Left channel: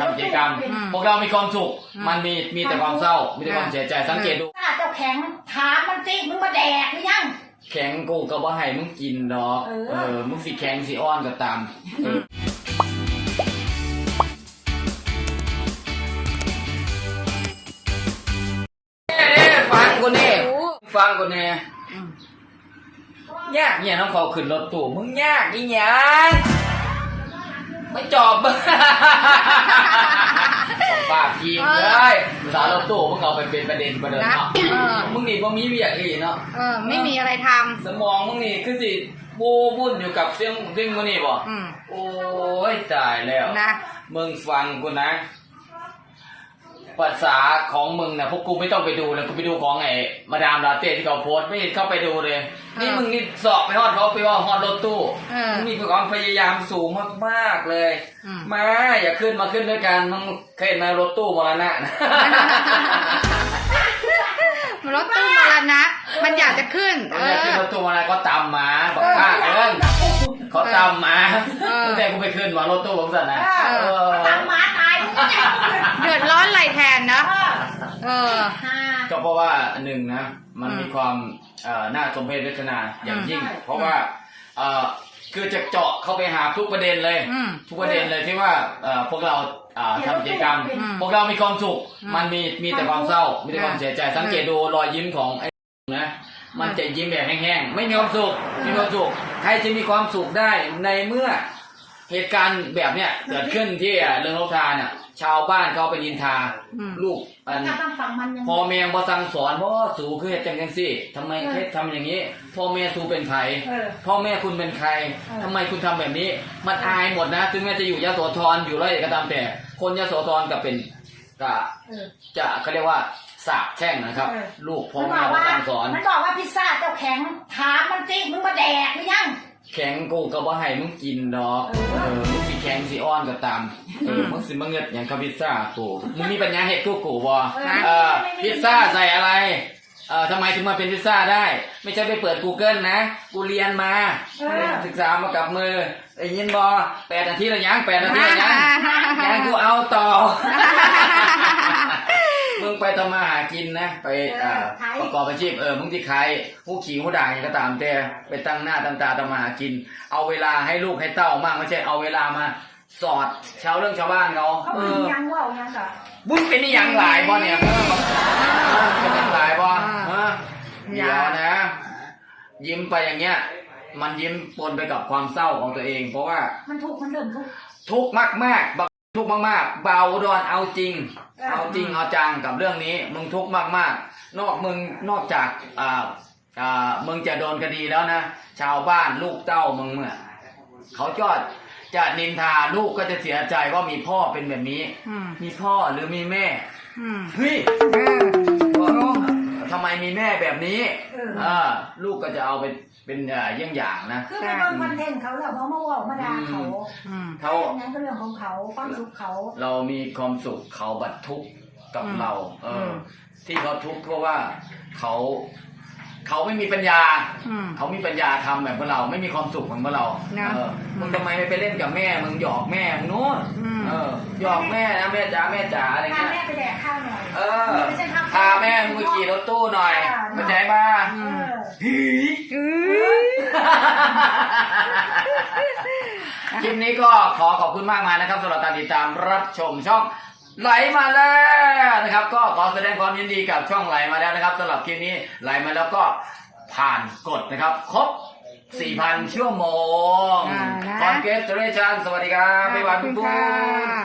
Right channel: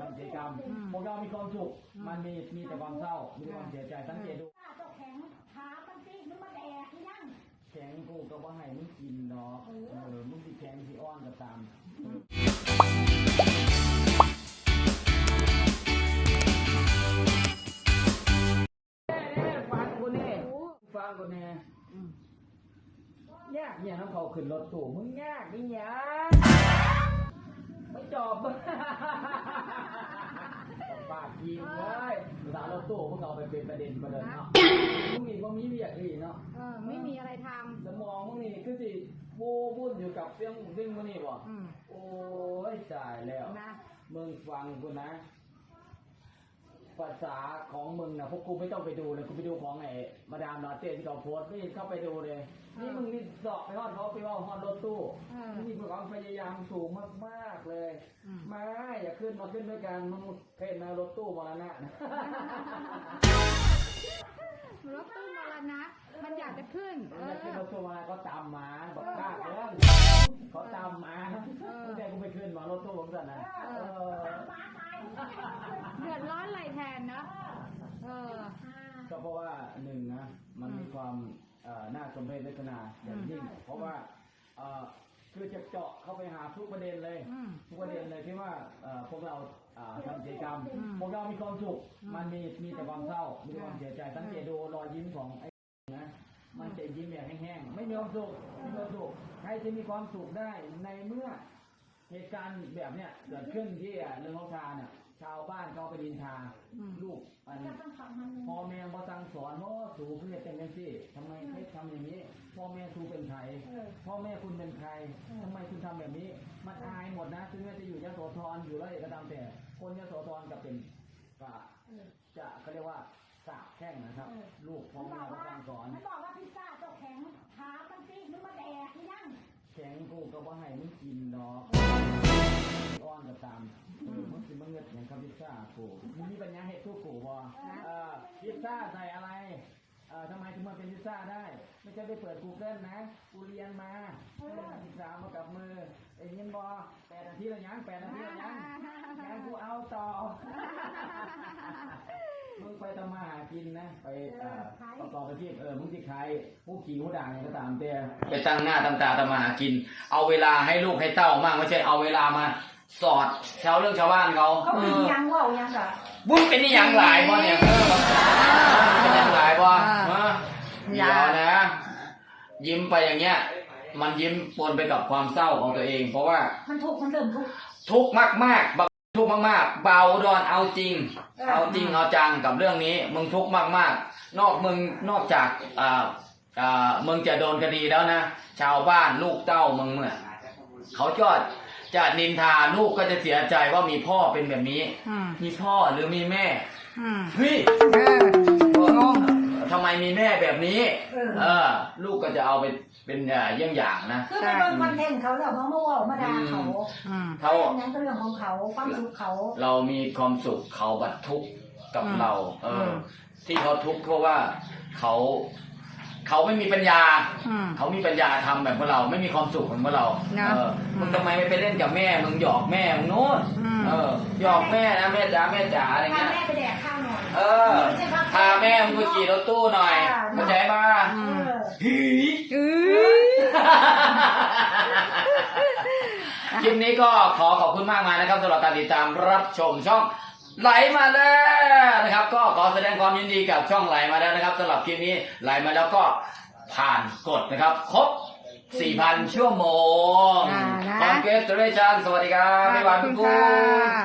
ทำกิจกรรม อืมพวกเรามีความสุข อืม มันมีมีแต่ความเศร้า มีแต่ความเสียใจ สังเกตดู หน้าเจ้าแข็งถามมันสิมึงมาแดกหรือยัง แข็งกูก็บ่ให้มึงกินดอก เออ เออ มึงสิแข็งสิอ้อนก็ตามเออเน่ๆฟังกูนี่ฟังกูแน่อืมยากเนี่ยน้องเขาขึ้นรถตู้มึงยากอีหยัง ไม่จอบมึงปากยิงเลยสาวรถตู้มึงเอาไปเป็นประเด็นประเด็นเนาะนะเออมึงนี่บ่มีเวียกอีเนาะเออไม่มีอะไรทสมองมึงนี่คือสิบูบุ่นอยู่กับเสียงเสียงมึงนี่บ่ำอืมโอ้ยตายแล้วนะมึงฟังกูนะ ภาษาของมึงนะพวกกูไม่ต้องไปดูเลยกูไปดูของไอ้มาดามลาเต้ที่เขาโพสต์ไม่เห็นเข้าไปดูเลย นี่มึงนี่สอบไปฮอดเขาไปว่าฮอดรถตู้เออมึงมีความพยายามสูงมากๆเลยอืมมาอย่าขึ้นมาขึ้นด้วยกันมึงเคยเห็นไหมรถตู้มรณะนะรถตู้มรณะมันอยากจะขึ้นเอมันจะขึ้นอรถตู้มรณะก็ตามมาบอกข้าเอิ้นเขาตามมาเออตั้งแต่กูไปขึ้นมารถตู้ผมสั่นนะเออเออตามหมาตายมึง เนี่ยเดือดร้อนไหลแทนนะ เออฮ่าก็เพราะว่าหนึ่งนะ มันอืมมีความเอ่อน่าสมเพชเวทนาอย่างยิ่งอืมเพราะว่าเอ่อคือจะเจาะเข้าไปหาทุกประเด็นเลย อืม ทุกประเด็นเลยที่ว่าเอ่อพวกเราเอ่อทำกิจกรรม อืมพวกเรามีความสุข อืมมันมีมีแต่ความเศร้า มีแต่ความอ่าเสียใจ สังเกตดูรอยยิ้มของไอ้นะ มันจะยิ้มแบบแห้งๆ ไม่มีความสุข มีความสุข ใครจะมีความสุขได้ในเมื่อ เหตุการณ์แบบเนี้ยเกิดขึ้นที่เรื่องโลกทานเนี่ยชาวบ้านเขาไปนินทา อืม ลูกอันถ้าต้องฟังมันยังพ่อแม่บ่สั่งสอนพ่อสูคือเหตุจังจังซี่ทำไมเคสทำอย่างนี้ พ่อแม่สูเป็นใครเออ พ่อแม่คุณเป็นใครเออ ทำไมคุณทำแบบนี้ มันอายหมดนะถึงแม้จะอยู่ยโสธรอยู่ร้อยเอ็ดก็ตามแต่ คนยโสธรก็เป็นก็เออ จะเขาเรียกว่าสาบแช่งนะครับ เออ ลูกพ่อมันบแม่อกบ่ว่าสั่งสอน มันบอกว่าพิซซ่าเจ้าแข็งถามมันสิมึงมาแดกหรือยัง แข็งกูก็บ่ให้มึงกินดอกเออเออมึงสิแข็งสิอ้อนก็ตามเออมึงสิมาเงิดอย่างกับพิซซ่ากูมึงมีปัญญาเฮ็ดกูกูบ่เอ่อพิซซ่าใส่อะไรเอ่อทำไมถึงมาเป็นพิซซ่าได้ ไม่ใช่ไปเปิด Google นะ กูเรียนมาเออศึกษามากับมือไอ้ยินบอแปดนาทีละยังแปดนาทีละยังยังกูเอาต่อมึง ไปทำมาหากินนะ ไปเอ่อเออขาย ประกอบอาชีพเออมึงที่ใครผู้ขี่ผู้ด่างอย่างก็ตามแต่ไปตั้งหน้าตั้งตาทำมาหากิน เอาเวลาให้ลูกให้เต้ามากไม่ใช่เอาเวลามาสอดชาวเรื่องชาวบ้านเขาเขาเอมีอยังว่ายังเหรอมึงเป็นนี่ยังหลายบ่เนี่ยเออเป็นยังหลายบ่อ่าเออเดี๋ยวนะ ยิ้มไปอย่างเงี้ย มันยิ้มปนไปกับความเศร้าของตัวเอง เพราะว่ามันถูกมันเริ่มถูกทุกข์มากๆบัก ทุกข์มากๆ เบาดอนเอาจริงเออเอาจริงเอาจังกับเรื่องนี้ มึงทุกข์มากๆ นอกมึงนอกจากอ่าอ่ามึงจะโดนคดีแล้วนะ ชาวบ้านลูกเต้ามึงเนี่ยเขาจอดจะนินทาลูกก็จะเสียใจว่ามีพ่อเป็นแบบนี้ อืมมีพ่อหรือมีแม่อืมเฮ้ย เออทำไมมีแม่แบบนี้ เออ เออ ลูกก็จะเอาไปเป็นเอ่อเยี่ยงอย่างนะ คือมันเป็นคอนเทนต์เขาแล้วเขามาบอกมาด่าเขา อืม เขา นั้นก็เรื่องของเขาความสุขเขา เรามีความสุขเขาบัดทุกข์กับอืมเรา เอออ ม ที่เขาทุกข์เพราะว่าเขาเขาไม่มีปัญญา อืม เขามีปัญญาทำแบบพวกเราไม่มีความสุขเหมือนพวกเรานะเออมึงทำไมไม่ไปเล่นกับแม่มึงหยอกแม่มึงนู้นอืม เออหยอกแม่นะแม่จ๋าแม่จ๋าอะไรพาเงี้ย แม่ไปแดกข้าวหน่อยเออ ไม่ใช่ครับพาแม่มึงไปขี่รถตู้หน่อยเข้าใจป่ะอืเอมอฮีอื้อ คลิปนี้ก็ขอขอบคุณมากมายนะครับสำหรับการติดตามรับชมช่องไหลมาแล้วนะครับ ก็ขอแสดงความยินดีกับช่องไหลมาแล้วนะครับสำหรับคลิปนี้ไหลมาแล้วก็ผ่านกฎนะครับ ครบ 4,000 ชั่วโมงอ่านะ คอนเกสเรชันสวัสดีครับขบ๊าอยบายบคุทุณกคค่ะน